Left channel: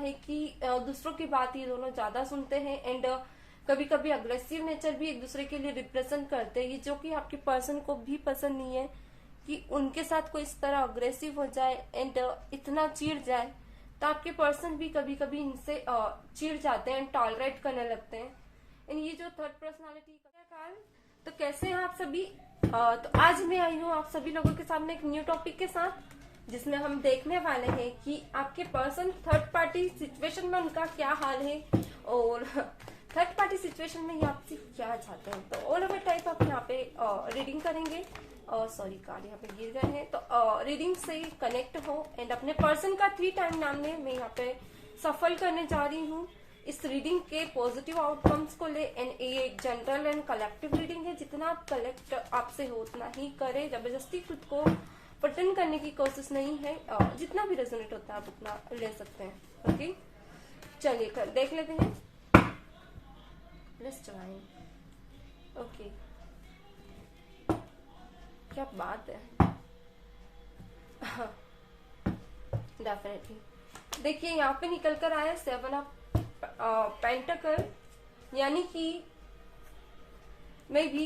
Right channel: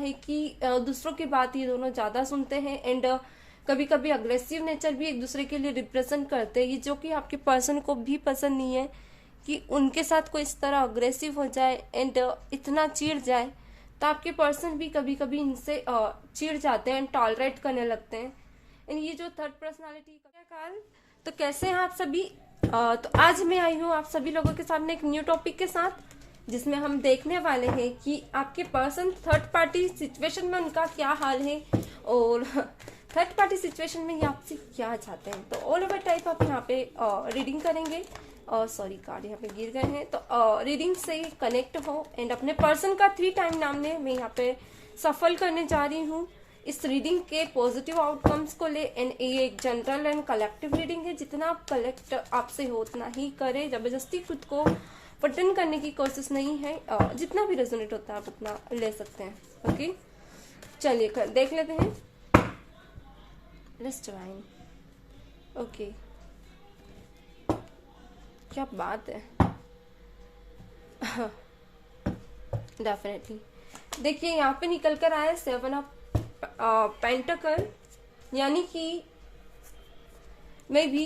है कि दूसरों की बात ये दोनों ज्यादा सुनते हैं एंड कभी कभी अग्रेसिव नेचर भी एक दूसरे के लिए रिप्रेजेंट करते हैं, ये जो कि आपके पर्सन को भी पसंद नहीं है कि उनके साथ कोई इस तरह अग्रेसिव हो जाए एंड इतना चिढ़ जाए। तो आपके पर्सन भी कभी कभी इनसे चिढ़ जाते हैं एंड टॉलरेट करने लगते हैं। एंड ये जो थर्ड पर्सनालिटी काल, तो कैसे हैं आप सभी। तो आज मैं आई हूँ आप सभी लोगों के सामने एक न्यू टॉपिक के साथ, जिसमें हम देखने वाले हैं कि आपके पर्सन थर्ड पार्टी सिचुएशन में उनका क्या हाल है और थर्ड पार्टी सिचुएशन में ये आपसे क्या चाहते हैं। तो ऑल ओवर टाइप आप यहाँ पे रीडिंग करेंगे। सॉरी कार्ड यहाँ पे गिर गए हैं, तो रीडिंग से कनेक्ट हो एंड अपने पर्सन का 3 टाइम नाम में मैं यहाँ पे सफल करने जा रही हूँ इस रीडिंग के पॉजिटिव आउटकम्स को ले। एंड ये एक जनरल एंड कलेक्टिव रीडिंग है, जितना आप कलेक्ट आपसे हो उतना ही करें, जबरदस्ती खुद को पटन करने की कोशिश नहीं है। जितना भी रेजोनेट होता है आप उतना ले सकते हैं। ओके, चलिए देख लेते हैं। Let's line. ओके, क्या बात है। डेफिनेटली देखिए यहाँ पे निकल कर आया 7 ऑफ पेंटिकल, यानी कि मे भी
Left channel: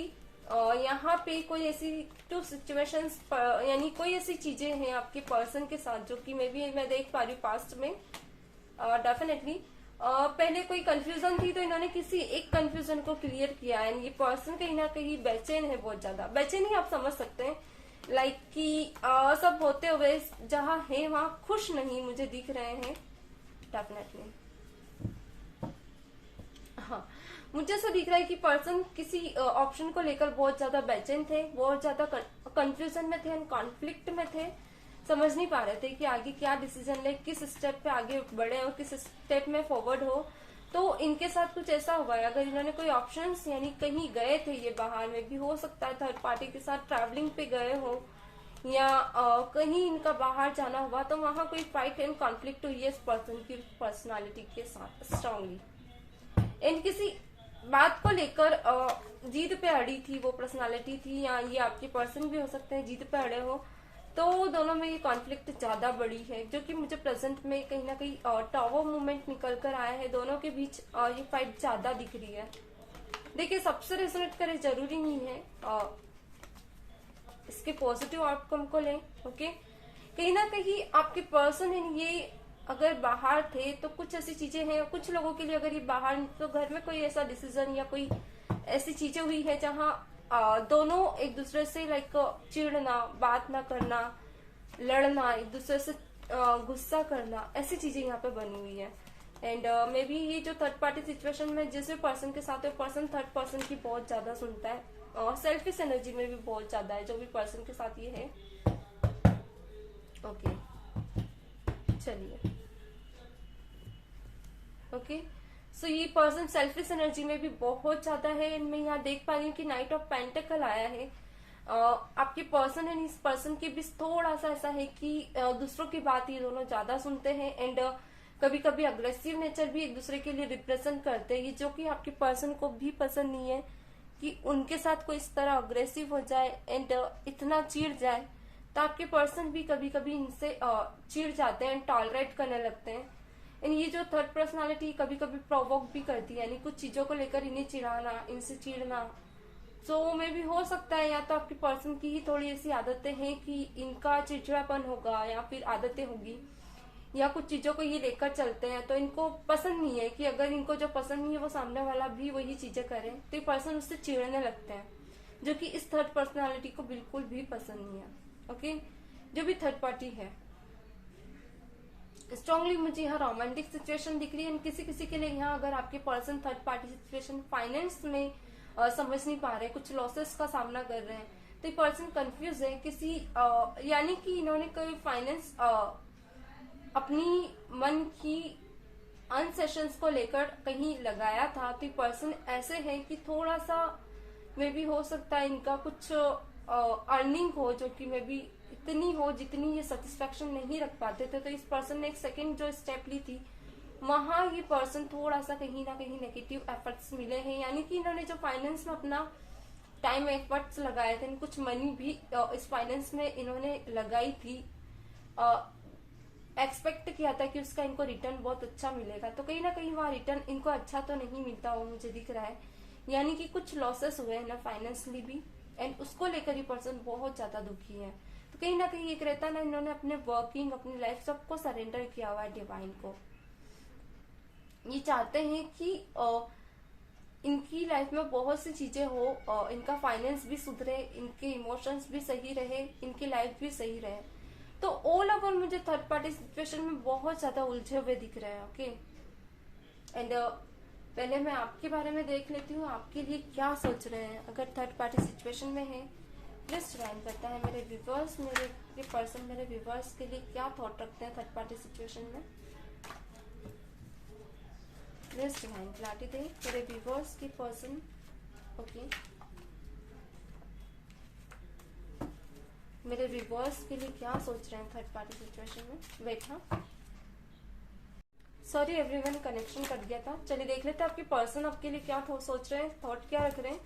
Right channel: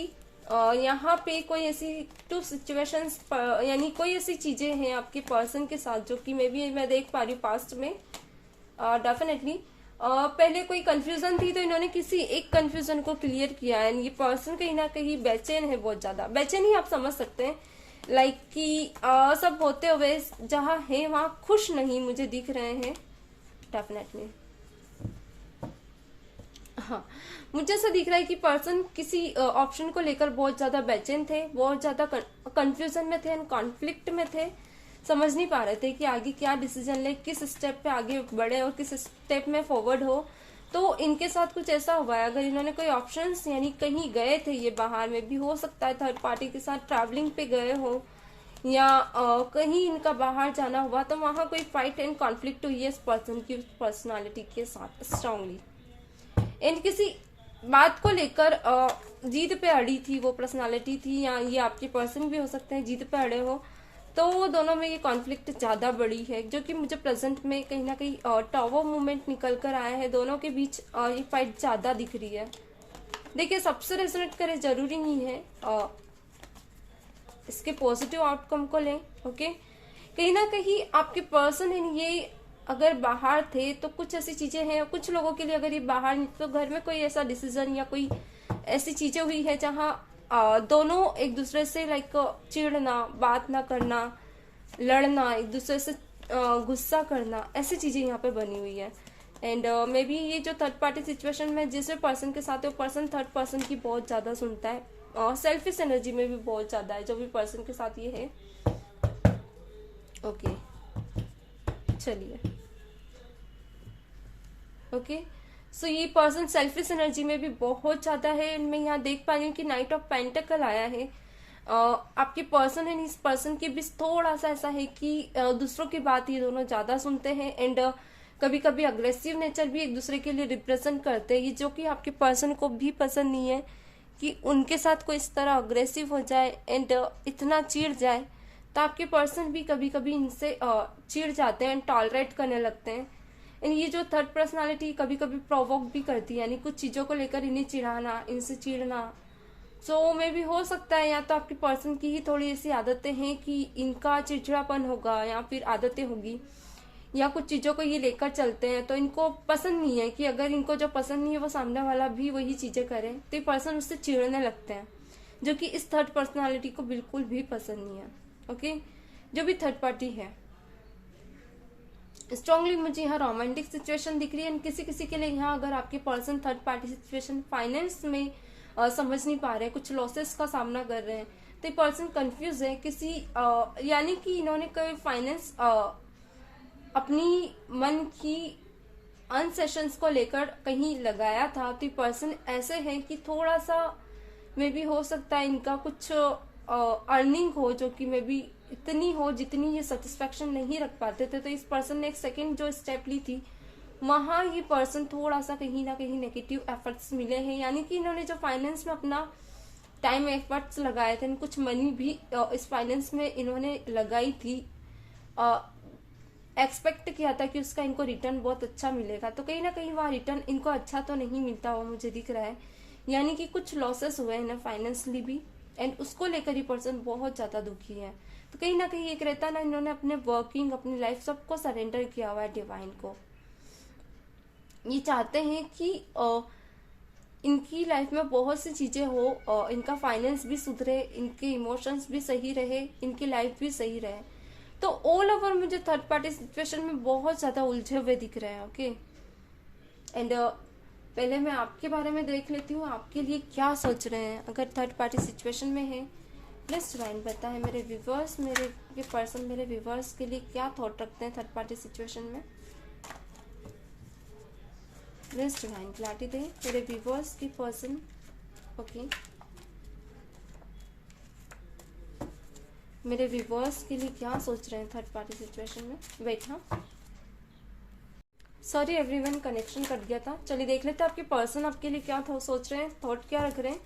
यहाँ पे कोई ऐसी 2 सिचुएशंस यानी कोई ऐसी चीजें हैं आपके पर्सन के साथ जो कि मे भी मैं देख पा रही हूँ पास्ट में। डेफिनेटली पहले कोई कंफ्यूजन थी तो इन्होंने किसी एक कंफ्यूजन को क्लियर किया है। ये पर्सन कहीं ना कहीं बेचैन है, बहुत ज्यादा बेचैन ही आप समझ सकते हैं। लाइक कि सब होते हुए जहाँ है वहां खुश नहीं मुझे दिख रहे हैं। डेफिनेटली हाँ, मुझे ऐसा दिख रहा है कि पर्सन किसी ऑप्शन को लेकर बहुत ज्यादा बेचैन थे, बहुत ज्यादा कंफ्यूजन में थे, कॉन्फ्लिक्ट में थे, समझ नहीं पा रहे थे कि आगे क्या डिसीजन ले, किस स्टेप पे आगे बढ़े और किस स्टेप में फॉरवर्ड हो। तो इनके साथ कुछ ऐसा हुआ है, अगर इन्होंने कोई ऑप्शंस यानी कहीं गए थे, ये बाहर में भी हो सकता है थर्ड पार्टी के साथ ट्रैवलिंग पे गए हो या कहीं इनका बाहर जाना हुआ, तो वहां कोई फाइट एंड कॉन्फ्लिक्ट हुई है इस पर्सन की पर्सनालिटी के साथ स्ट्रांगली। एंड किसी बात को लेकर जीत पे अड़ी थी वो पर्सनालिटी थी, या ये आपके पर्सन भी हो सकते हैं जीत पे अड़े हो। तो वो दोनों में ये कॉन्फ्लिक्ट ज्यादा बड़ी है, जो कि मुझे प्रेजेंट में कहीं ना कहीं टावर मूवमेंट निकल कर आया है। दोनों के बीच ये फाइट ज्यादा दिख रही है। देखिए सबसे रेजोनेट करे जरूरी नहीं है, इसके पॉजिटिव आउटकम को लें। ओके, कहीं ना कहीं आपके पर्सन है ये अगर बाहर थे तो कुछ ऐसी चीजें हैं, कुछ लोगों के लिए अगर ये बाहर तो घर में कोई ऐसा डिसीजन या कोई ऐसी चीजें हुई है जहाँ दोनों एक दूसरे से लाइक चिढ़ना, बात ना करना, लड़ना, एक दूसरे से गुस्सा करना, ऐसी चीजें यहाँ पे बनी हुई है। एंड मे बी ये जो थर्ड पार्टी सिचुएशन में जिस पर्सन के साथ है वो पर्सन थर्ड पर्सन की बहुत ज्यादा सुनता है और सेल्फिश एनर्जी में भी बहुत ज्यादा है जो भी पर्सन के साथ ये है। ओके चलिए, ओके सो ये पर्सन सेल्फिश एनर्जी में भी बहुत ज्यादा है। मैं यहाँ देख पा रही हूँ कि नाइट ऑफ पेंटिकल आया है। आपके पर्सन है इस पर्सन के बीच थोड़ा सा ऐसा है कि दूसरों की बात ये दोनों ज्यादा सुनते हैं एंड कभी कभी अग्रेसिव नेचर भी एक दूसरे के लिए रिप्रेजेंट करते हैं, ये जो कि आपके पर्सन को भी पसंद नहीं है कि उनके साथ कोई इस तरह अग्रेसिव हो जाए एंड इतना चिढ़ जाए। तो आपके पर्सन भी कभी कभी इनसे चिढ़ जाते हैं एंड टॉलरेट करने लगते हैं। एंड ये जो थर्ड पर्सनालिटी कभी कभी प्रोवोक भी करती है, यानी कुछ चीजों को लेकर इन्हें चिढ़ाना, इनसे चिढ़ना। सो मे भी हो सकता है या तो आपके पर्सन की ही थोड़ी ऐसी आदतें हैं कि इनका चिड़चिड़ापन होगा या फिर आदतें होगी, या कुछ चीजों को ये लेकर चलते हैं तो इनको पसंद नहीं है कि अगर इनको जो पसंद नहीं है वो सामने वाला भी वही चीजें करे, तो ये पर्सन उससे चिढ़ने लगते हैं, जो कि इस थर्ड पर्सनालिटी को बिल्कुल भी पसंद नहीं है। ओके, जो भी थर्ड पार्टी है स्ट्रांगली मुझे यहाँ रोमांटिक सिचुएशन दिख रही है। किसी किसी के लिए यहाँ अगर आपके person third party situation finance में समझ नहीं पा रहे, कुछ लॉसेस का सामना कर रहे हैं, तो ये पर्सन कंफ्यूज है किसी यानी कि इन्होंने कोई फाइनेंस अपनी मन की अन सेशंस को लेकर कहीं लगाया था। तो ये पर्सन ऐसे है कि थोड़ा सा मे भी हो सकता है इनका कुछ अर्निंग हो जो कि मे बी इतनी हो जितनी ये सेटिस्फेक्शन नहीं रख पाते थे। तो इस पर्सन ने एक सेकंड जो स्टेप ली थी वहां ये पर्सन थोड़ा सा कहीं ना कहीं नेगेटिव एफर्ट्स मिले हैं, यानी कि इन्होंने जो फाइनेंस में अपना टाइम एफर्ट्स लगाए थे, कुछ मनी भी इस फाइनेंस में इन्होंने लगाई थी। एक्सपेक्ट किया था कि उसका इनको रिटर्न बहुत अच्छा मिलेगा, तो कहीं ना कहीं वह रिटर्न इनको अच्छा तो नहीं मिलता हुआ मुझे दिख रहा है। यानी कि कुछ लॉसेस हुए हैं ना फाइनेंशियली भी, एंड उसको लेकर ही पर्सन बहुत ज्यादा दुखी है। तो कहीं ना कहीं एक रहता ना, इन्होंने अपने वर्किंग, अपनी लाइफ सबको सरेंडर किया हुआ है डिवाइन को। ये चाहते हैं कि इनकी लाइफ में बहुत सी चीजें हो, इनका फाइनेंस भी सुधरे, इनके इमोशंस भी सही रहे, इनकी लाइफ भी सही रहे। तो ऑल ओवर मुझे थर्ड पार्टी सिचुएशन में बहुत ज्यादा उलझे हुए दिख रहे हैं। ओके, एंड पहले मैं आपके बारे में देख लेती हूँ, आपके लिए क्या सोच रहे हैं अगर थर्ड पार्टी सिचुएशन में है। प्लीज डिवाइन बताएं मेरे व्यूवर्स, मेरे पर्सन मेरे व्यूवर्स के लिए क्या थॉट रखते हैं थर्ड पार्टी सिचुएशन में। प्लीज डिवाइन क्लैरिटी दे मेरे व्यूवर्स की पर्सन। ओके, मेरे व्यूवर्स के लिए क्या सोच रहे हैं थर्ड पार्टी सिचुएशन में। वेट, हाँ, सॉरी एवरीवन, कनेक्शन कट गया था। चलिए देख लेते हैं आपके पर्सन आपके लिए क्या सोच रहे हैं, थॉट क्या रख रहे हैं।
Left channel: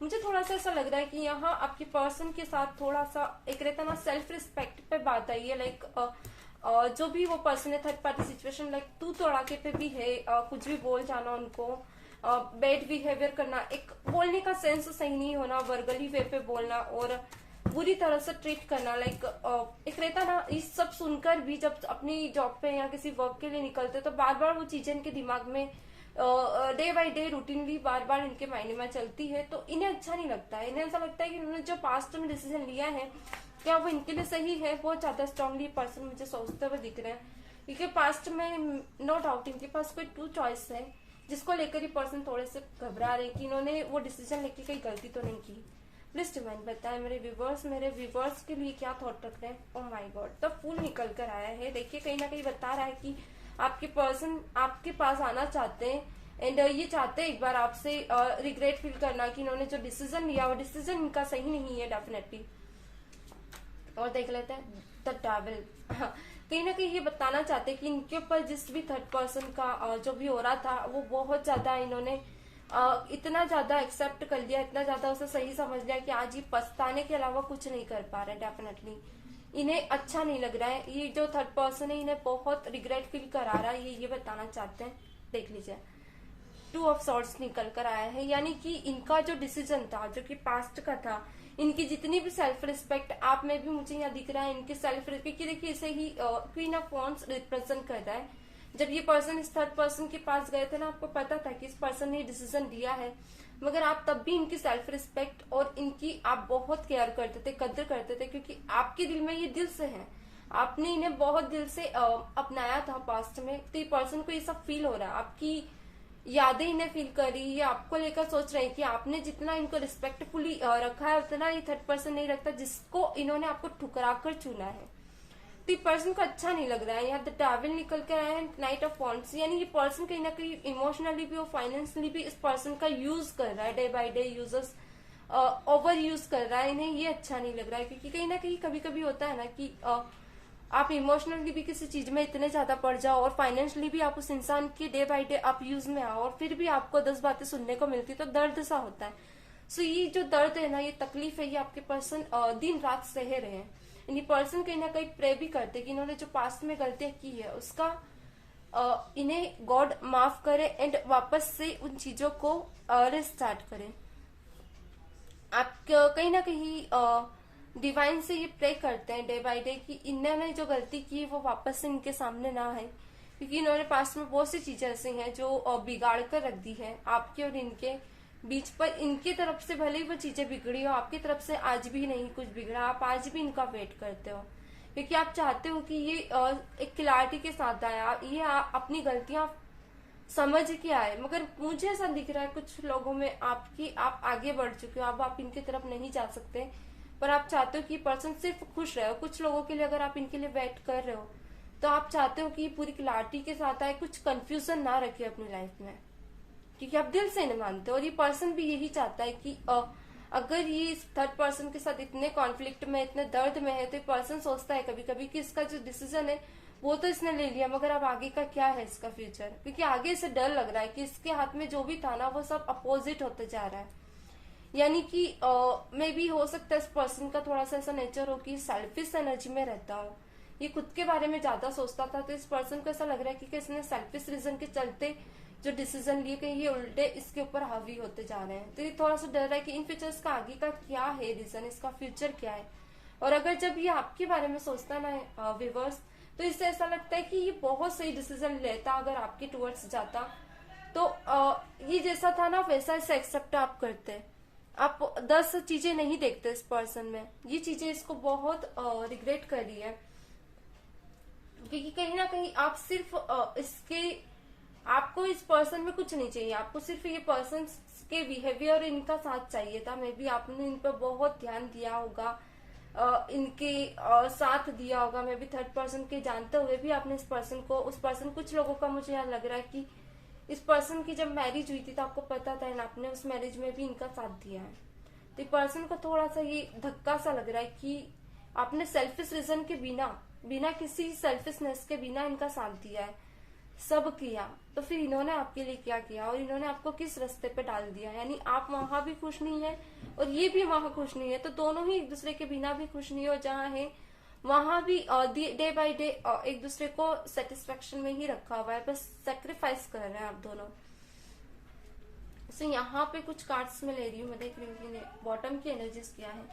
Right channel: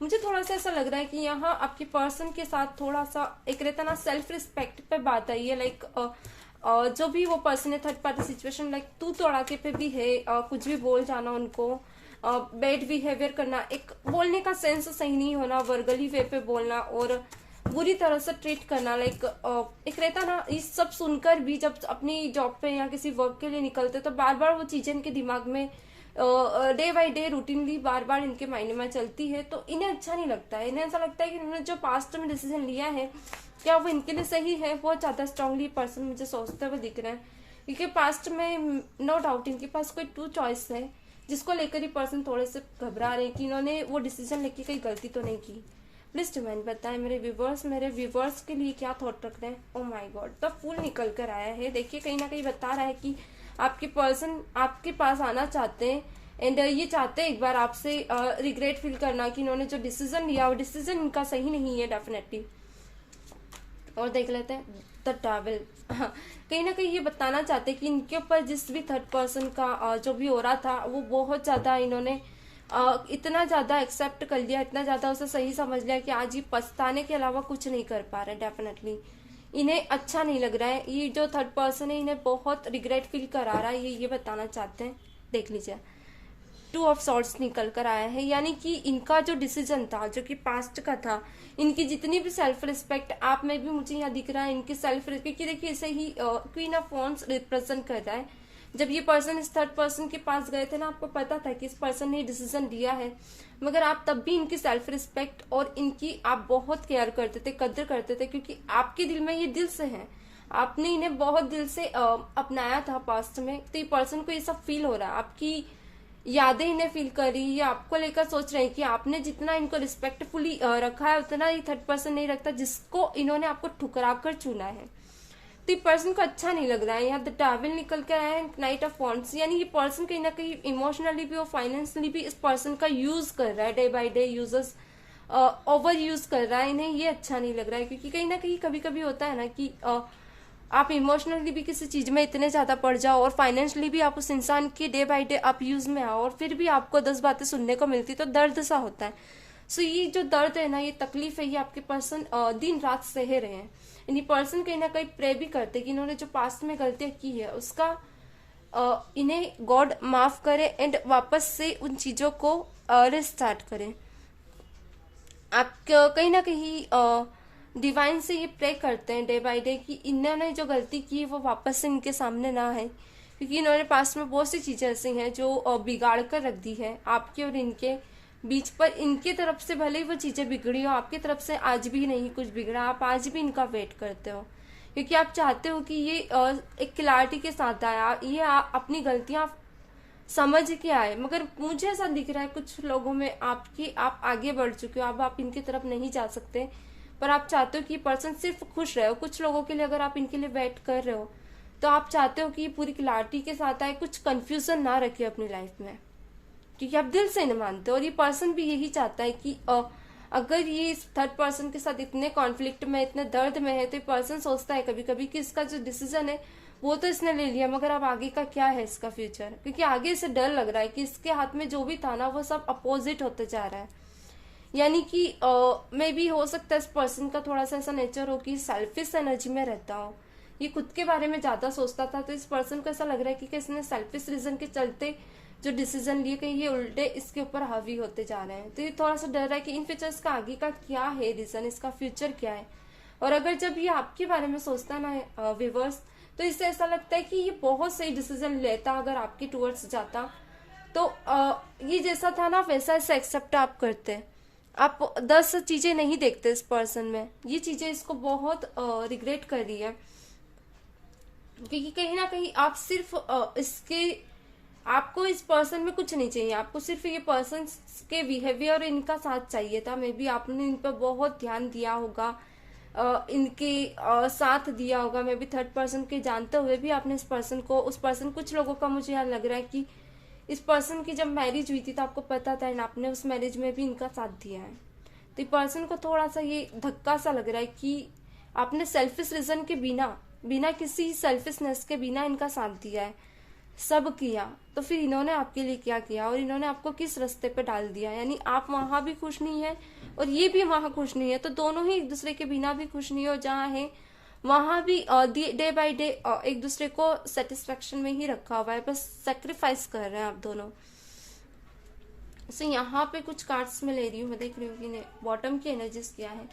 मुझे थोड़ा सा ऐसा लग रहा है कि यहाँ आपके पर्सन के साथ थोड़ा सा एक रहता ना सेल्फ रिस्पेक्ट पे बात आई है। लाइक जो भी वो पर्सन है थर्ड पार्टी सिचुएशन, लाइक तू तड़ाके पे भी है, कुछ भी बोल जाना उनको, बैड बिहेवियर करना, एक बोलने का सेंस सही नहीं होना, वर्गली वे पे बोलना और बुरी तरह से ट्रीट करना। लाइक एक रहता ना, इस सब सुनकर भी जब अपनी जॉब पे या किसी वर्क के लिए निकलते तो बार बार वो चीजें इनके दिमाग में डे बाय डे रूटीनली बार बार इनके माइंड में चलती है, तो इन्हें अच्छा नहीं लगता है। इन्हें ऐसा लगता है कि इन्होंने जो पास्ट में डिसीजन लिया है क्या वो इनके लिए सही है। बहुत ज्यादा स्ट्रांगली पर्सन मुझे सोचते हुए दिख रहा है, क्योंकि पास्ट में नो डाउट इनके पास कोई टू चॉइस है जिसको लेकर ही पर्सन थोड़े से घबरा रहे हैं कि इन्होंने वो डिसीजन लेके कोई गलती तो नहीं की। प्लीज डिवाइन बताएं मेरे व्यूवर्स के लिए क्या थॉट रख रहे हैं। Oh my god, the fool निकल कर आया है। देखिए कहीं ना कहीं बता रहा है कि आपके पर्सन आपके पास आना चाहते हैं, एंड ये चाहते हैं एक बार आपसे रिग्रेट फील करना कि इन्होंने जो डिसीजन लिया वो डिसीजन इनका सही नहीं है डेफिनेटली। और देख लेते हैं द डेविल। कहीं ना कहीं ये बताना चाहते हैं कि इनके ऊपर जिस भी थर्ड पर्सन का जो भी हो रहा था वो बहुत ज्यादा इन्होंने इतना ज्यादा एक्सेप्ट कर लिया, इतना ज्यादा उसे सही समझ लिया कि आज ये पछताने के अलावा कुछ नहीं कर पा रहे। डेफिनेटली इन्हें अच्छा नहीं लग रहा है, ये जो थर्ड पर्सन है इन्हें बहुत रिग्रेट फील करा रहा है, ये बताना चाहते हैं। देख लीजिए टू ऑफ सॉर्ड्स निकल कर आया है, यानी कि इनका जो डिसीजन था जो कि पास्ट का था, इनकी जितनी भी सेल्फ रिस्पेक्ट आप में भी मुझे यहाँ दिख रहा है, इनकी सेल्फ रिस्पेक्ट की देखिए इसे ही क्वीन ऑफ वॉन्ड्स रिप्रेजेंट कर रहा है। जब ये पर्सन इस थर्ड पर्सन के पास गए थे ना, आपको पता था कि इस पर्सन ने डिसीजन लिया है, मगर आप तब भी इनकी सेल्फ रिस्पेक्ट और इनकी आप बहुत केयर करते थे, कदर करते थे, क्योंकि आपके दिल में ये दिल से है, आपने इन्हें बहुत दिल से अपनाया था पास्ट में। तो ये पर्सन को ये सब फील हो रहा है, आपकी यादें इन्हें फील कर रही है, आपको लेकर सोच रहे हैं कि आपने जितना इनको रिस्पेक्टफुली रखा है उतना ये थर्ड पर्सन नहीं रखता जिसको इन्होंने आपको ठुकरा कर चुना है। तो ये पर्सन को अच्छा नहीं लग रहा है। यहाँ द टावल निकल कर आया है, नाइट ऑफ वॉन्ड्स, यानी ये पर्सन कहीं ना कहीं इमोशनली भी और फाइनेंशियली भी इस पर्सन का यूज कर रहा है, day by day users over use कर रहा है। इन्हें ये अच्छा नहीं लग रहा है, क्योंकि कहीं ना कहीं कभी कभी होता है ना कि आप इमोशनली भी किसी चीज में इतने ज्यादा पड़ जाओ और फाइनेंशियली भी आप उस इंसान की डे बाय डे आप यूज में आओ और फिर भी आपको 10 बातें सुनने को मिलती तो दर्द सा होता है। सो ये जो दर्द है ना, ये तकलीफ है, ये आपके पर्सन दिन रात सह रहे हैं। यानी पर्सन कहीं ना कहीं प्रे भी करते कि इन्होंने जो पास्ट में गलतियां की है उसका इन्हें गॉड माफ करे एंड वापस से उन चीजों को रिस्टार्ट करें। आप कहीं ना कहीं डिवाइन से ये प्रे करते हैं डे बाय डे कि इन्होंने जो गलती की वो वापस से इनके सामने ना आए, क्योंकि इन्होंने पास्ट में बहुत सी चीजें ऐसी हैं जो बिगाड़ कर रख दी है आपके और इनके बीच पर। इनकी तरफ से भले ही वो चीजें बिगड़ी हो, आपकी तरफ से आज भी नहीं कुछ बिगड़ा, आप आज भी इनका वेट करते हो, क्योंकि आप चाहते हो कि ये एक क्लैरिटी के साथ आया, ये अपनी गलतियां समझ के आए। मगर मुझे ऐसा दिख रहा है कुछ लोगों में आप आगे बढ़ चुके हो, अब आप इनकी तरफ नहीं जा सकते, पर आप चाहते हो कि पर्सन सिर्फ खुश रहे हो। कुछ लोगों के लिए अगर आप इनके लिए वेट कर रहे हो तो आप चाहते हो कि पूरी क्लैरिटी के साथ आए, कुछ कंफ्यूजन ना रखे अपनी लाइफ में, क्योंकि आप दिल से नहीं मानते। और ये पर्सन भी यही चाहता है कि अगर ये इस थर्ड पर्सन के साथ इतने कॉन्फ्लिक्ट में, इतने दर्द में है, तो ये पर्सन सोचता है कभी कभी कि इसका जो डिसीजन है वो तो इसने ले लिया, मगर अब आगे का क्या है इसका फ्यूचर, क्योंकि आगे इसे डर लग रहा है कि इसके हाथ में जो भी था ना वो सब अपोजिट होते जा रहा है। यानी कि मे भी हो सकता है इस पर्सन का थोड़ा सा ऐसा नेचर हो कि सेल्फिश एनर्जी में रहता हो, ये खुद के बारे में ज्यादा सोचता था, तो इस पर्सन को ऐसा लग रहा है कि इसने सेल्फिश रीजन के चलते जो डिसीजन लिए कहीं ये उल्टे इसके ऊपर हावी होते जा रहे हैं। तो ये थोड़ा सा डर रहा है कि इन फ्यूचर इसका आगे का क्या है रीजन, इसका फ्यूचर क्या है। और अगर जब ये आपके बारे में सोचता ना व्यूअर्स, तो इससे ऐसा लगता है कि ये बहुत सही डिसीजन लेता अगर आपके टूवर्ड्स जाता। तो ये जैसा था ना वैसा इसे एक्सेप्ट आप करते हैं। आप 10 चीजें नहीं देखते इस पर्सन में, ये चीजें इसको बहुत रिग्रेट कर रही है, क्योंकि कहीं ना कहीं आप सिर्फ आपको इस पर्सन में कुछ नहीं चाहिए, आपको सिर्फ ये पर्सन के बिहेवियर और इनका साथ चाहिए था। मे बी आपने इन पर बहुत ध्यान दिया होगा, इनके साथ दिया होगा, मे बी थर्ड पर्सन के जानते हुए भी आपने इस पर्सन को, उस पर्सन, कुछ लोगों का मुझे यहाँ लग रहा है कि इस पर्सन की जब मैरिज हुई थी तो आपको पता था, आपने उस मैरिज में भी इनका साथ दिया है। तो इस पर्सन को थोड़ा सा ये धक्का सा लग रहा है कि आपने सेल्फिश रीजन के बिना किसी सेल्फिशनेस के बिना इनका साथ दिया है, सब किया, तो फिर इन्होंने आपके लिए क्या किया और इन्होंने आपको किस रास्ते पे डाल दिया। यानी आप वहां भी खुश नहीं है और ये भी वहां खुश नहीं है, तो दोनों ही एक दूसरे के बिना भी खुश नहीं है, और जहाँ है वहां भी डे बाय डे एक दूसरे को सेटिस्फेक्शन में ही रखा हुआ है, बस सेक्रीफाइस कर रहे हैं आप दोनों। यहाँ पे कुछ कार्ड्स में ले रही हूँ, मैं देख रही हूँ कि बॉटम की एनर्जीज क्या है।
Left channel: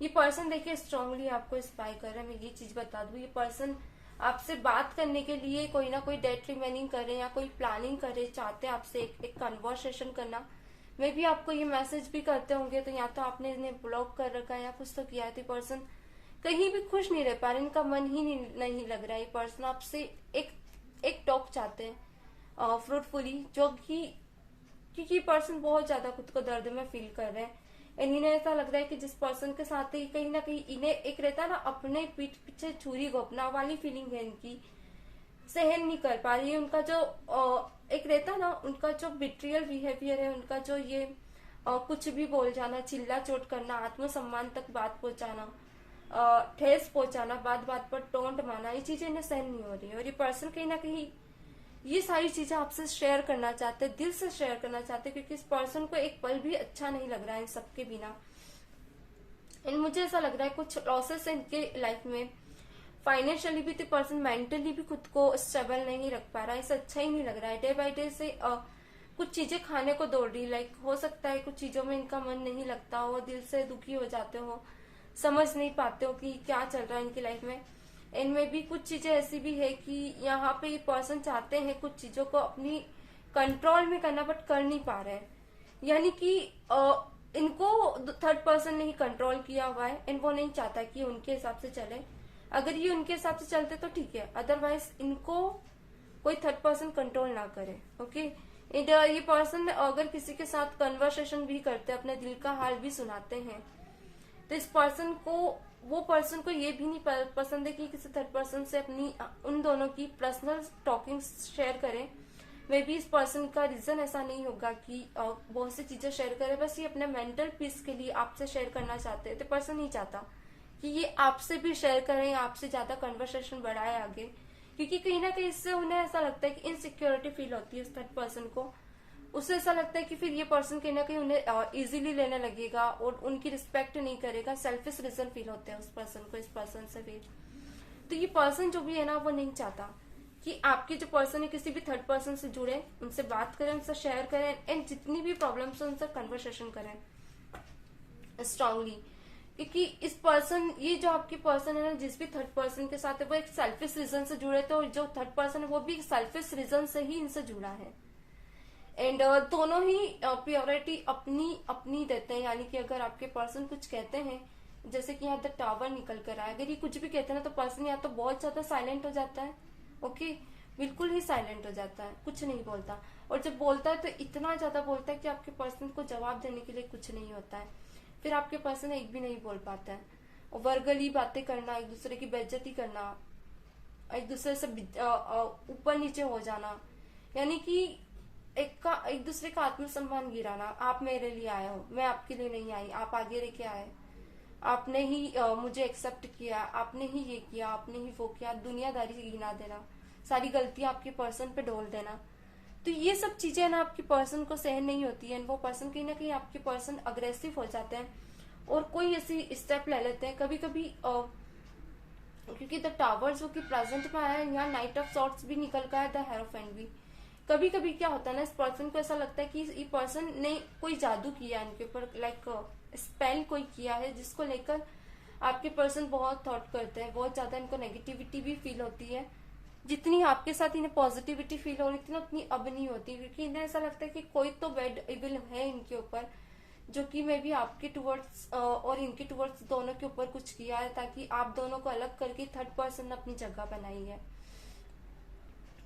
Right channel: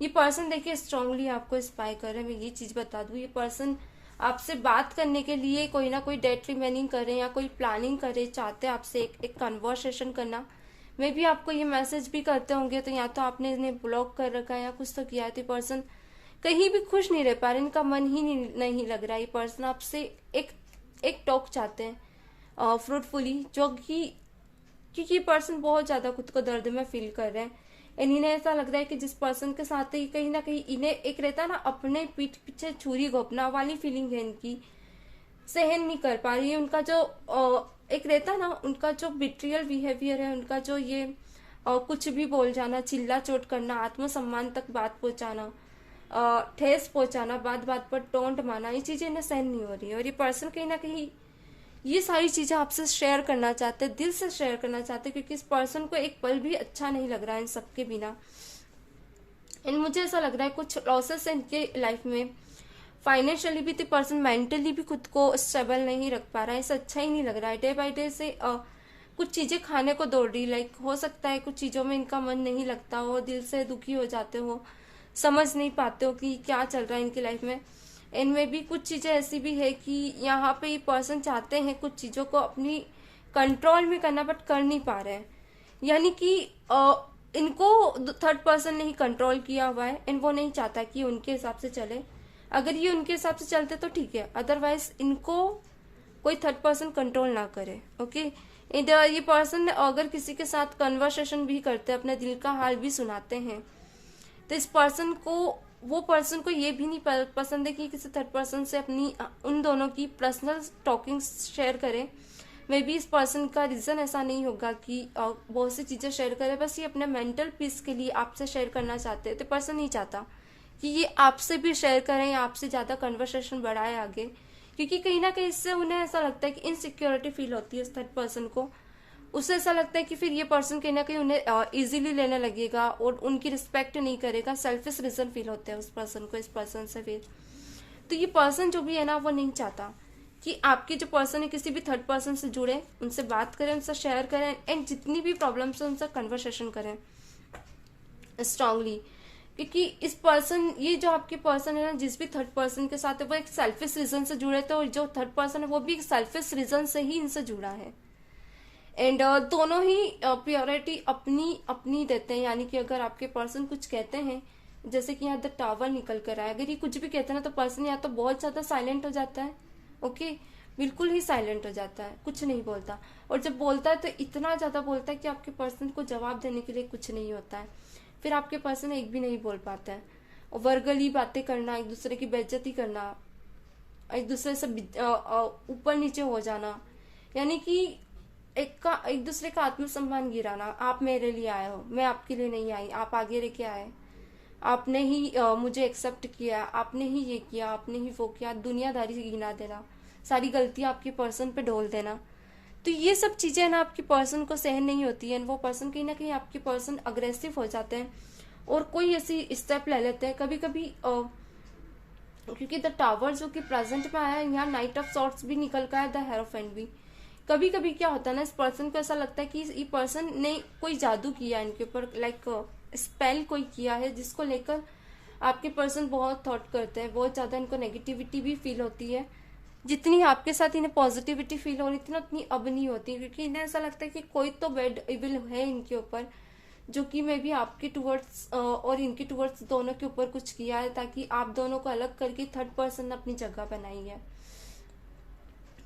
ये पर्सन देखिए स्ट्रांगली आपको इंस्पायर कर रहे हैं, मैं ये चीज बता दूं, ये पर्सन आपसे बात करने के लिए कोई ना कोई डेट रिमेनिंग करे या कोई प्लानिंग करे, चाहते हैं आपसे एक कन्वर्सेशन करना। मे भी आपको ये मैसेज भी करते होंगे, तो या तो आपने इन्हें ब्लॉक कर रखा है या कुछ तो किया है। तो पर्सन कहीं भी खुश नहीं रह पा रहे, इनका मन ही नहीं लग रहा है। ये पर्सन आपसे एक टॉक चाहते हैं फ्रूटफुली, जो कि क्योंकि पर्सन बहुत ज्यादा खुद को दर्द में फील कर रहे हैं। इन्हें ऐसा लग रहा है कि जिस पर्सन के साथ ही कहीं ना कहीं इन्हें एक रहता ना अपने पीठ पीछे छुरी घोपना वाली फीलिंग है इनकी, सहन नहीं कर पा रही है। उनका जो एक रहता ना, उनका जो बिट्रियल बिहेवियर है, उनका जो ये कुछ भी बोल जाना, चिल्ला चोट करना, आत्मसम्मान तक बात पहुंचाना, ठेस पहुंचाना, बात बात पर टोंट मारना, ये चीजें इन्हें सहन नहीं हो रही है। और ये पर्सन कहीं ना कहीं ये सारी चीजें आपसे शेयर करना चाहते हैं, दिल से शेयर करना चाहते हैं, क्योंकि इस पर्सन को एक पल भी अच्छा नहीं लग रहा है इन सबके बिना। एंड मुझे ऐसा लग रहा है कुछ लॉसेस है इनके लाइफ में, फाइनेंशियली भी, तो पर्सन मेंटली भी खुद को स्टेबल नहीं रख पा रहा है, ऐसा अच्छा ही नहीं लग रहा है। डे बाय डे से कुछ चीजें खाने को दौड़ रही, लाइक हो सकता है कुछ चीजों में इनका मन नहीं लगता हो, दिल से दुखी हो जाते हो, समझ नहीं पाते हो कि क्या चल रहा है इनकी लाइफ में। इनमें भी कुछ चीजें ऐसी भी है कि यहाँ पे ये पर्सन चाहते हैं कुछ चीजों को अपनी कंट्रोल में करना, बट कर नहीं पा रहे हैं। यानी कि इनको थर्ड पर्सन ने ही कंट्रोल किया हुआ है, एंड वो नहीं चाहता कि उनके हिसाब से चले। अगर ये उनके हिसाब से चलते तो ठीक है, अदरवाइज इनको कोई थर्ड पर्सन कंट्रोल ना करे। ओके, ये पर्सन अगर किसी के साथ कन्वर्सेशन भी करते हैं, अपने दिल का हाल भी सुनाते हैं, तो इस पर्सन को, वो पर्सन को ये भी नहीं पसंद है कि किसी थर्ड पर्सन से अपनी उन दोनों की पर्सनल टॉकिंग शेयर करे। मे बी इस पर्सन का रीजन ऐसा नहीं होगा कि बहुत सी चीजें शेयर करे, बस ये अपने मेंटल पीस के लिए आपसे शेयर करना चाहते हैं। तो पर्सन नहीं चाहता कि ये आपसे भी शेयर करें, आपसे ज्यादा कन्वर्सेशन बढ़ाए आगे, क्योंकि कहीं ना कहीं इससे उन्हें ऐसा लगता है कि इनसिक्योरिटी फील होती है उस थर्ड पर्सन को। उससे ऐसा लगता है कि फिर ये पर्सन कहीं ना कहीं उन्हें इजीली लेने लगेगा और उनकी रिस्पेक्ट नहीं करेगा, सेल्फिश रीजन फील होते हैं उस पर्सन को, इस पर्सन से फिर। तो ये पर्सन जो भी है ना, वो नहीं चाहता कि आपके जो पर्सन है किसी भी थर्ड पर्सन से जुड़े, उनसे बात करें, उनसे शेयर करें, एंड जितनी भी प्रॉब्लम्स है उनसे कन्वर्सेशन करें स्ट्रांगली। क्योंकि इस पर्सन, ये जो आपके पर्सन है ना, जिस भी थर्ड पर्सन के साथ है, वो एक सेल्फिश रीजन से जुड़े थे, और जो थर्ड पर्सन है वो भी एक सेल्फिश रीजन से ही इनसे जुड़ा है। एंड दोनों ही प्योरिटी अपनी अपनी देते हैं। यानी कि अगर आपके पर्सन कुछ कहते हैं, जैसे कि यहाँ द टावर निकल कर आया, अगर ये कुछ भी कहते हैं ना, तो पर्सन या तो बहुत ज्यादा साइलेंट हो जाता है, ओके, बिल्कुल ही साइलेंट हो जाता है, कुछ नहीं बोलता, और जब बोलता है तो इतना ज्यादा बोलता है कि आपके पर्सन को जवाब देने के लिए कुछ नहीं होता है। फिर आपके पर्सन एक भी नहीं बोल पाता है, और वर्गली बातें करना, एक दूसरे की बेइज्जती करना, एक दूसरे से ऊपर नीचे हो जाना, यानी कि एक दूसरे का आत्मसम्मान गिराना। आप मेरे लिए आए हो, मैं आपके लिए नहीं आई, आप आगे लेके आए, आपने ही मुझे एक्सेप्ट किया, आपने ही ये किया, आपने ही वो किया, दुनियादारी से गिना देना, सारी गलतियां आपके पर्सन पे ढोल देना। तो ये सब चीजें ना आपके पर्सन को सहन नहीं होती है, वो पर्सन कहीं ना कहीं आपके पर्सन अग्रेसिव हो जाते हैं और कोई ऐसी स्टेप ले लेते हैं। कभी कभी क्योंकि द टावर जो कि प्रेजेंट में आया है, यहाँ नाइट ऑफ सॉर्ट्स भी निकल का है, द हेरोफेंट भी। कभी कभी क्या होता है ना, इस पर्सन को ऐसा लगता है कि ये पर्सन ने कोई जादू किया इनके ऊपर, लाइक स्पेल कोई किया है, जिसको लेकर आपके पर्सन बहुत थॉट करते हैं, बहुत ज्यादा इनको नेगेटिविटी भी फील होती है। जितनी आपके साथ इन्हें पॉजिटिविटी फील हो रही थी ना, उतनी अब नहीं होती, क्योंकि इन्हें ऐसा लगता है कि कोई तो बैड इविल है इनके ऊपर, जो कि मे बी आपके टुवर्ड्स और इनके टुवर्ड्स दोनों के ऊपर कुछ किया है, ताकि आप दोनों को अलग करके थर्ड पर्सन अपनी जगह बनाई है।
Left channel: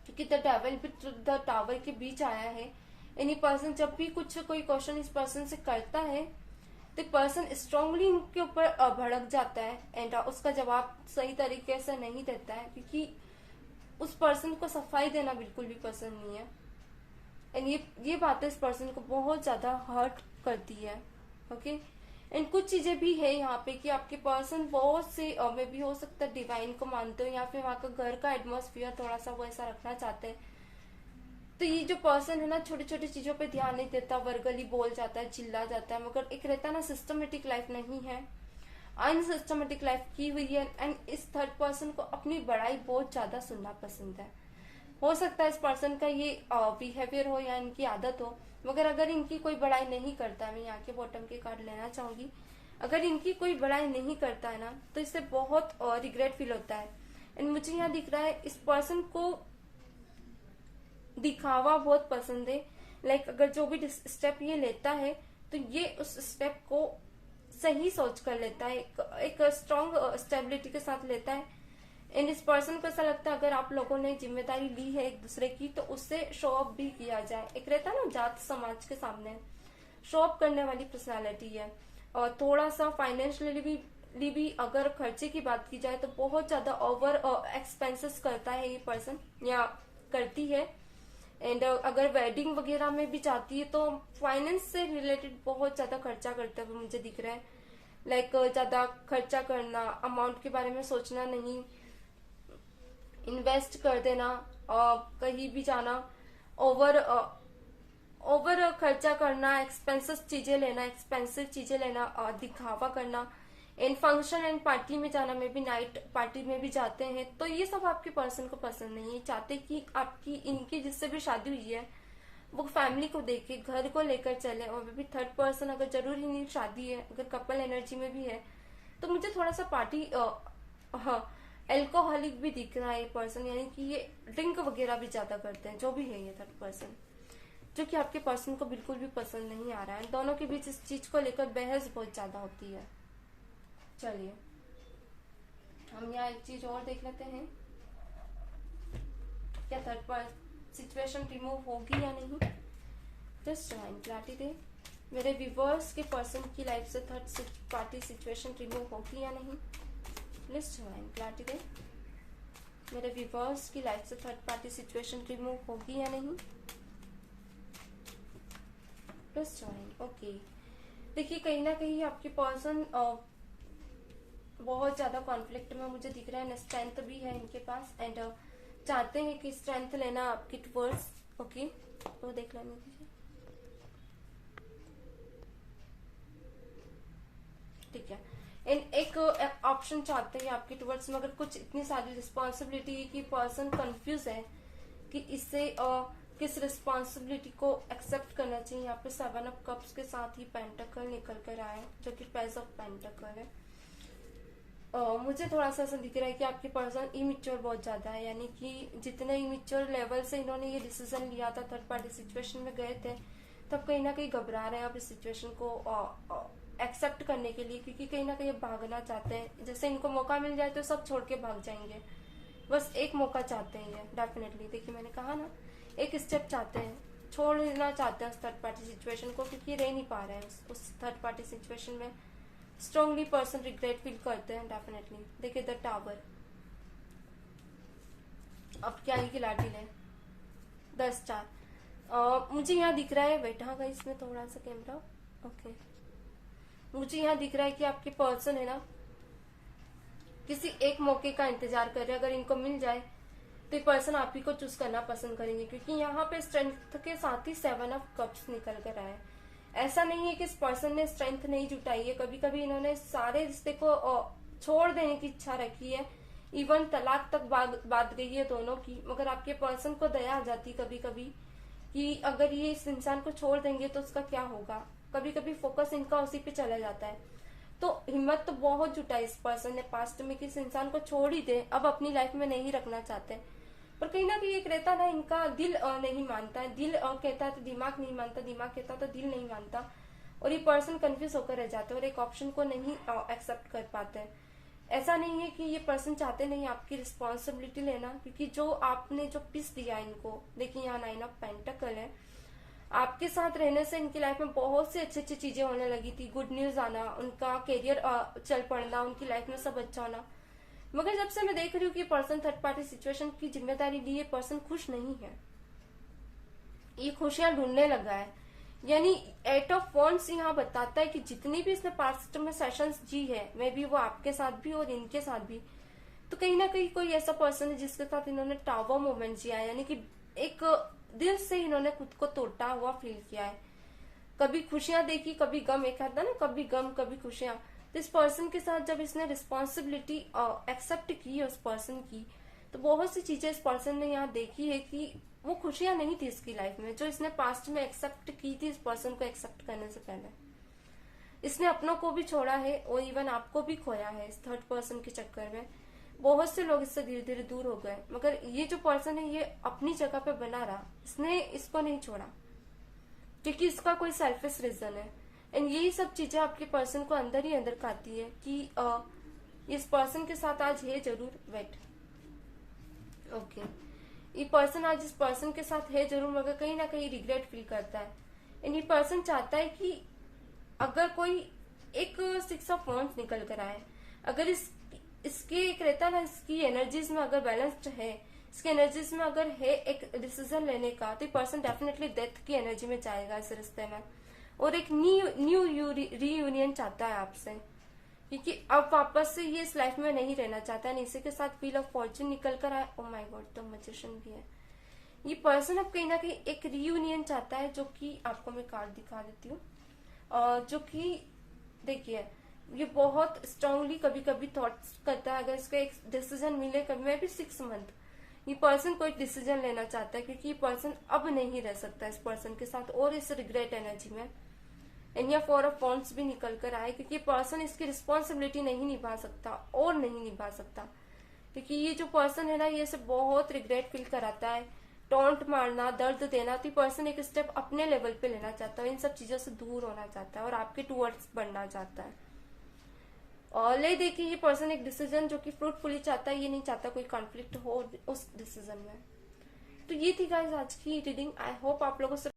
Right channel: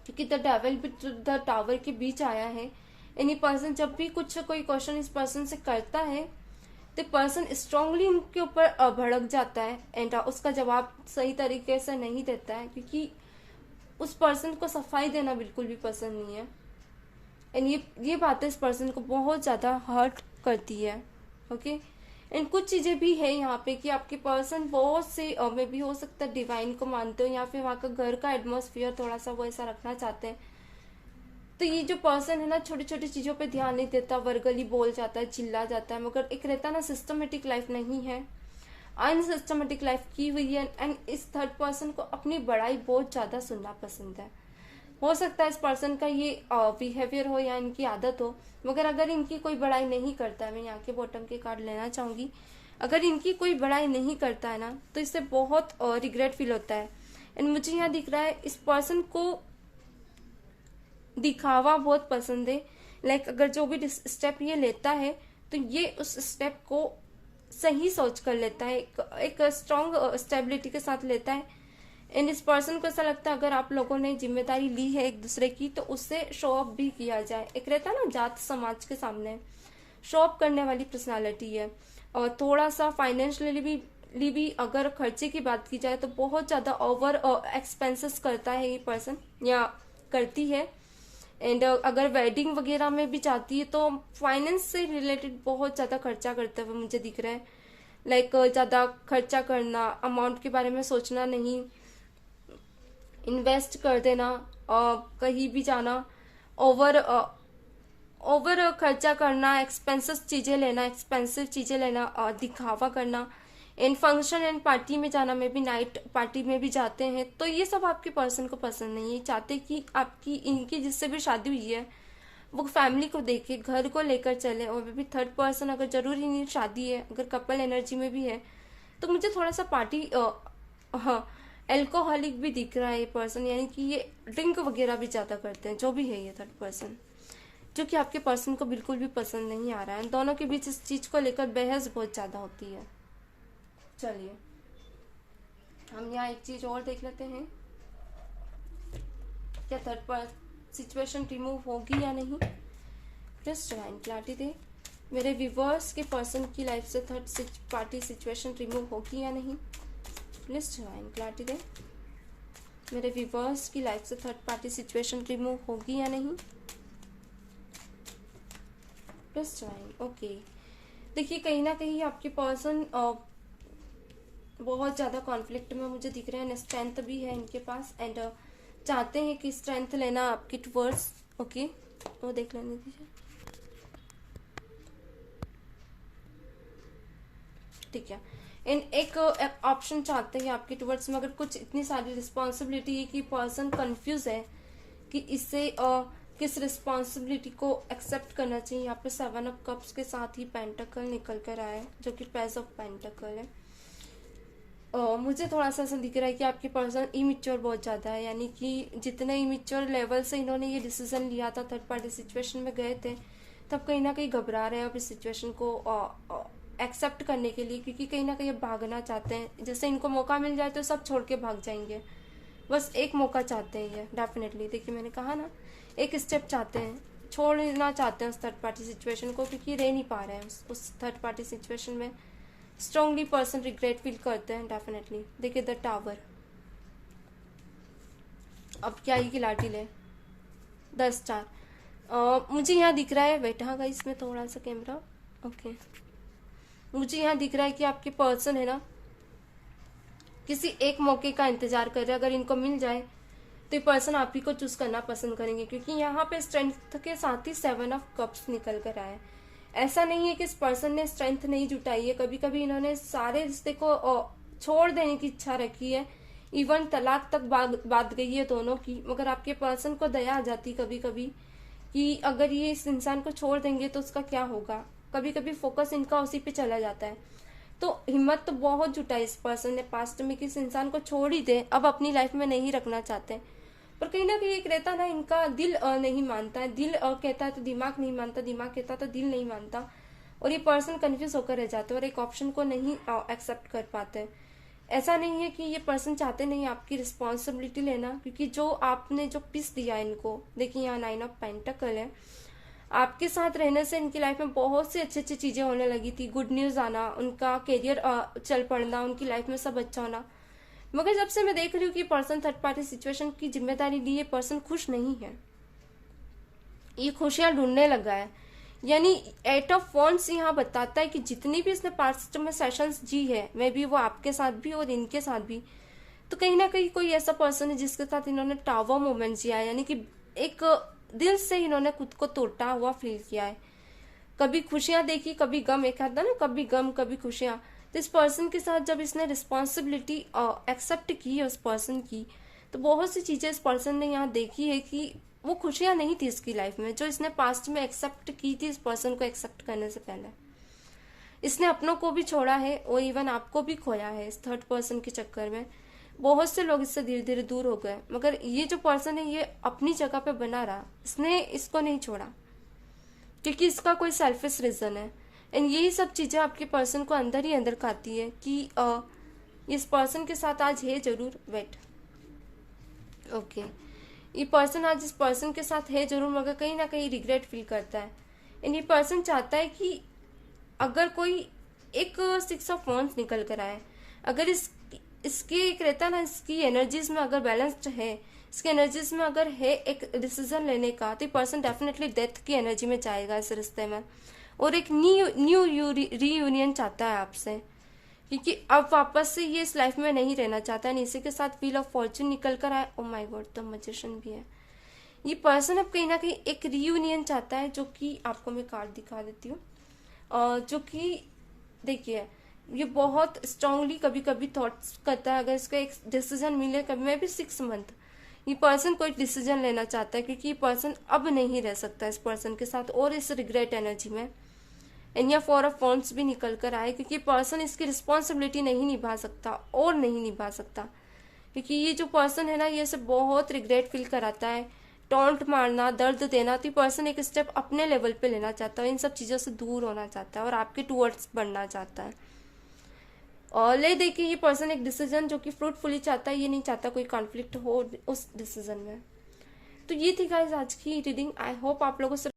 क्योंकि द डेविल भी द टावर के बीच आया है। एनी पर्सन जब भी कुछ कोई क्वेश्चन इस पर्सन से करता है, तो पर्सन स्ट्रांगली इनके ऊपर भड़क जाता है एंड उसका जवाब सही तरीके से नहीं देता है, क्योंकि उस पर्सन को सफाई देना बिल्कुल भी पसंद नहीं है। एंड ये बातें इस पर्सन को बहुत ज्यादा हर्ट करती है। ओके एंड कुछ चीजें भी है यहाँ पे कि आपके पर्सन बहुत से में भी हो सकता है डिवाइन को मानते हो, या फिर वहाँ का घर का एटमोसफियर थोड़ा सा वो ऐसा रखना चाहते हैं। तो ये जो पर्सन है ना, छोटी छोटी चीजों पे ध्यान नहीं देता, वर्गली बोल जाता है, चिल्ला जाता है, मगर एक रहता ना सिस्टमेटिक लाइफ नहीं है, अनसिस्टमेटिक लाइफ की हुई है। एंड इस थर्ड पर्सन को अपनी बड़ाई बहुत ज्यादा सुनना पसंद है। हो सकता है इस पर्सन का ये बिहेवियर हो या इनकी आदत हो, मगर अगर इनकी कोई बड़ाई नहीं करता है, मैं यहाँ के बॉटम के कार्ड लेना चाहूंगी, अगर इनकी कोई बड़ाई नहीं करता है ना, तो इससे बहुत रिग्रेट फील होता है। एंड मुझे यहाँ दिख रहा है इस पर्सन को दिखावा बहुत पसंद है। लाइक अगर जो भी स्टेप ये लेता है, तो ये उस स्टेप को सही सोच कर लेता है, एक स्ट्रॉन्ग स्टेबिलिटी के साथ लेता है। एंड इस पर्सन को ऐसा लगता है अगर आप लोगों ने जिम्मेदारी ली है एक दूसरे की, तो उससे शो ऑफ भी किया जाए। एक रहता है ना जात समाज के सामने शो ऑफ करने वाली पर्सनालिटी है। और थोड़ा सा फाइनेंशियली भी अगर खर्चे की बात की जाए, तो बहुत ज्यादा ओवर एक्सपेंसेस करता है ये पर्सन या करती है। एंड अगर वेडिंग वगैरह में भी चाहती है, तो फाइनेंस से रिलेटेड बहुत ज्यादा खर्चा करते हुए मुझे दिख रहा है। लाइक ज्यादा खर्चा करना, अमाउंट के बारे में सोचना नहीं, इन्वेस्ट कर देना, कहीं भी जाना, ओवर खर्चा करना, एक्सपेंसिव चीजें लेना, दिखावा करना, इन फंक्शन एंड पार्टी में जाना, में भी नाइट पार्टी में भी जाते हैं, तो ये सब आपके पर्सन को पसंद नहीं है। चाहते कि आपकी इनकी जिससे भी शादी हुई है, वो फैमिली को देखे, घर को लेकर चले। और भी थर्ड पर्सन अगर जरूरी नहीं शादी है, अगर कपल एनर्जी में भी है, तो मुझे थोड़ा सा पार्टी हाँ एल्कोहलिक भी दिख रहा है ये पर्सन, यानी कि ये ड्रिंक वगैरह भी ज्यादा करते हैं, जो भी है ये थर्ड पर्सन, जो कि आपके पर्सन को बिल्कुल भी पसंद नहीं आ रहा है। दोनों के बीच इस चीज को लेकर बहस बहुत ज्यादा होती है। चलिए हम यहाँ एक चीज और देख लेते हैं, क्या थर्ड पर्सन सिचुएशन रिमूव होगी या नहीं। जस्ट डिवाइन क्लैरिटी दे, मेरे व्यूअर्स के पर्सन की लाइफ से थर्ड पार्टी सिचुएशन रिमूव होगी या नहीं। प्लीज डिवाइन क्लैरिटी दे, मेरे व्यूअर्स की लाइफ से थर्ड पार्टी सिचुएशन रिमूव होगी या नहीं। Please divine okay. देखिए कहीं ना कहीं आपके पर्सन बहुत ज्यादा कॉन्फ्लिक्ट में मुझे दिख रहा है। स्ट्रेंथ भी है इनके पास एंड चाहते हैं कि स्ट्रेंथ लेना आपकी टुवर्ड्स। ओके तो देख लेने दीजिए, ठीक है। इन एक ऑप्शन चाहते हैं आपके टुवर्ड्स में, अगर कुछ इतनी सारी रिस्पॉन्सिबिलिटी है कि पर्सन कंफ्यूज है कि इससे किस रिस्पॉन्सिबिलिटी को एक्सेप्ट करना चाहिए। यहाँ पे 7 ऑफ कप्स के साथ ही पेंटाकल निकल कर आया है, जो कि पेज ऑफ पेंटाकल है। मुझे थोड़ा सा ऐसा दिख रहा है कि आपके पर्सन इमेच्योर बहुत ज्यादा है, यानी कि जितने इमेच्योर लेवल से इन्होंने ये डिसीजन लिया था, थर्ड पार्टी सिचुएशन में गए थे, तब कहीं ना कहीं घबरा रहे हैं अब इस सिचुएशन को एक्सेप्ट करने के लिए, क्योंकि कहीं ना कहीं भागना चाहते हैं। जैसे इनको मौका मिल जाए तो सब छोड़ के भाग जाएंगे, बस एक मौका चाहते हैं ये डेफिनेटली। देखिए मैंने कहा ना, एक स्टेप चाहते हैं, छोड़ना चाहते हैं उस थर्ड पार्टी सिचुएशन को, क्योंकि रह नहीं पा रहे हैं उस थर्ड पार्टी सिचुएशन में। स्ट्रांगली पर्सन रिग्रेट फील करते हैं डेफिनेटली। देखिए द टावर, अब क्या ही खिलाड़ी ले, 10 स्टार। मुझे यहाँ दिख रहा है, बैठा गई इसमें थोड़ा सा कैमरा, ओके। मुझे यहाँ दिख रहा है कि आपके पर्सन है ना, किसी एक मौके का इंतजार कर रहे हैं। अगर इनको मिल जाए तो ये पर्सन आप ही को चूज करना पसंद करेंगे, क्योंकि यहाँ पे स्ट्रेंथ के साथ ही 7 ऑफ कप्स निकल कर आए। ऐसा नहीं है कि इस पर्सन ने स्ट्रेंथ नहीं जुटाई है, कभी कभी इन्होंने सारे रिश्ते को छोड़ देने की इच्छा रखी है, इवन तलाक तक बात गई है दोनों की, मगर आपके पर्सन को दया आ जाती कभी कभी कि अगर ये इस इंसान को छोड़ देंगे तो उसका क्या होगा। कभी कभी फोकस इनका उसी पे चला जाता है। तो हिम्मत तो बहुत जुटाई इस पर्सन ने पास्ट में कि इस इंसान को छोड़ ही दे, अब अपनी लाइफ में नहीं रखना चाहते। पर कहीं ना कहीं एक रहता ना, इनका दिल नहीं मानता है। दिल कहता है तो दिमाग नहीं मानता, दिमाग कहता तो दिल नहीं मानता, और ये पर्सन कंफ्यूज होकर रह जाते हैं और एक ऑप्शन को नहीं एक्सेप्ट कर पाते। ऐसा नहीं है कि ये पर्सन चाहते नहीं आपकी रिस्पॉन्सिबिलिटी लेना, क्योंकि जो आपने जो पीस दिया इनको, देखिए यहाँ 9 ऑफ पेंटिकल है, आपके साथ रहने से इनकी लाइफ में बहुत सी अच्छी अच्छी चीजें होने लगी थी। गुड न्यूज आना, उनका करियर चल पड़ना, उनकी लाइफ में सब अच्छा होना। मगर जब से मैं देख रही हूँ कि पर्सन थर्ड पार्टी सिचुएशन की जिम्मेदारी ली, ये पर्सन खुश नहीं है, ये खुशियां ढूंढने लगा है। यानी 8 ऑफ वॉन्ड्स यहाँ बताता है कि जितनी भी इसने पास्ट में सेशंस जी है, मे भी वो आपके साथ भी और इनके साथ भी, तो कहीं ना कहीं कोई ऐसा पर्सन है जिसके साथ इन्होंने टावर मोमेंट जिया है, यानी कि एक दिल से इन्होंने खुद को टूटा हुआ फील किया है। कभी खुशियां देखी, कभी गम, एक आता ना, कभी गम कभी खुशियां। तो इस पर्सन के साथ जब इसने रिस्पॉन्सिबिलिटी एक्सेप्ट की है उस पर्सन की, तो बहुत सी चीजें इस पर्सन ने यहाँ देखी है कि वो खुशियां नहीं थी इसकी लाइफ में जो इसने पास्ट में एक्सेप्ट की थी। इस पर्सन को एक्सेप्ट करने से पहले इसने अपनों को भी छोड़ा है और इवन आपको भी खोया है इस थर्ड पर्सन के चक्कर में। बहुत से लोग इससे धीरे धीरे दूर हो गए, मगर ये जो पर्सन है ये अपनी जगह पे बना रहा, इसने इसको नहीं छोड़ा क्योंकि इसका कोई सेल्फिश रीजन है। एंड यही सब चीजें आपके पर्सन को अंदर ही अंदर खाती है कि इस पर्सन के साथ आज है जरूर, वेट ओके, ये पर्सन आज इस पर्सन के साथ है जरूर, मगर कहीं ना कहीं रिग्रेट फील करता है। एंड ये पर्सन चाहता है कि अगर कोई एक 6 ऑफ वॉन्ड्स निकल कर आए, अगर इसके एक रहता ना, इसकी एनर्जीज में अगर बैलेंस्ड है, इसके एनर्जीज में अगर है एक डिसीजन लेने का, तो पर्सन डेफिनेटली डेथ की एनर्जी में जाएगा इस रिश्ते में, और एक न्यू रीयूनियन चाहता है आपसे, क्योंकि अब वापस से ये इस लाइफ में नहीं रहना चाहता है। इसी के साथ व्हील ऑफ फॉर्च्यून निकल कर आया, ओ माय गॉड, तो मैजिशियन भी है। ये पर्सन अब कहीं ना कहीं एक रीयूनियन चाहता है, जो कि आपको मैं कार्ड दिखा देती हूँ, जो कि देखिए ये बहुत स्ट्रांगली कभी कभी थॉट्स करता है। अगर इसको एक डिसीजन मिले, कभी मैं भी 6 मंथ, ये पर्सन कोई डिसीजन लेना चाहता है, क्योंकि ये पर्सन अब नहीं रह सकता इस पर्सन के साथ और इस रिग्रेट एनर्जी में। एंड यहाँ 4 ऑफ वॉन्ड्स भी निकल कर आए, क्योंकि पर्सन इसकी रिस्पॉन्सिबिलिटी नहीं निभा सकता और नहीं निभा सकता, क्योंकि ये जो पर्सन है ना, ये इसे बहुत रिग्रेट फील कराता है, टॉन्ट मारना, दर्द देना। तो पर्सन एक स्टेप अपने लेवल पे लेना चाहता है, इन सब चीजों से दूर होना चाहता है और आपके टूवर्ड्स बढ़ना चाहता है। और ले देखिए ये पर्सन एक डिसीजन जो कि फ्रूटफुली चाहता है, ये नहीं चाहता कोई कॉन्फ्लिक्ट हो उस डिसीजन में। तो ये थी गाइस आज की रीडिंग। आई होप आप लोगों से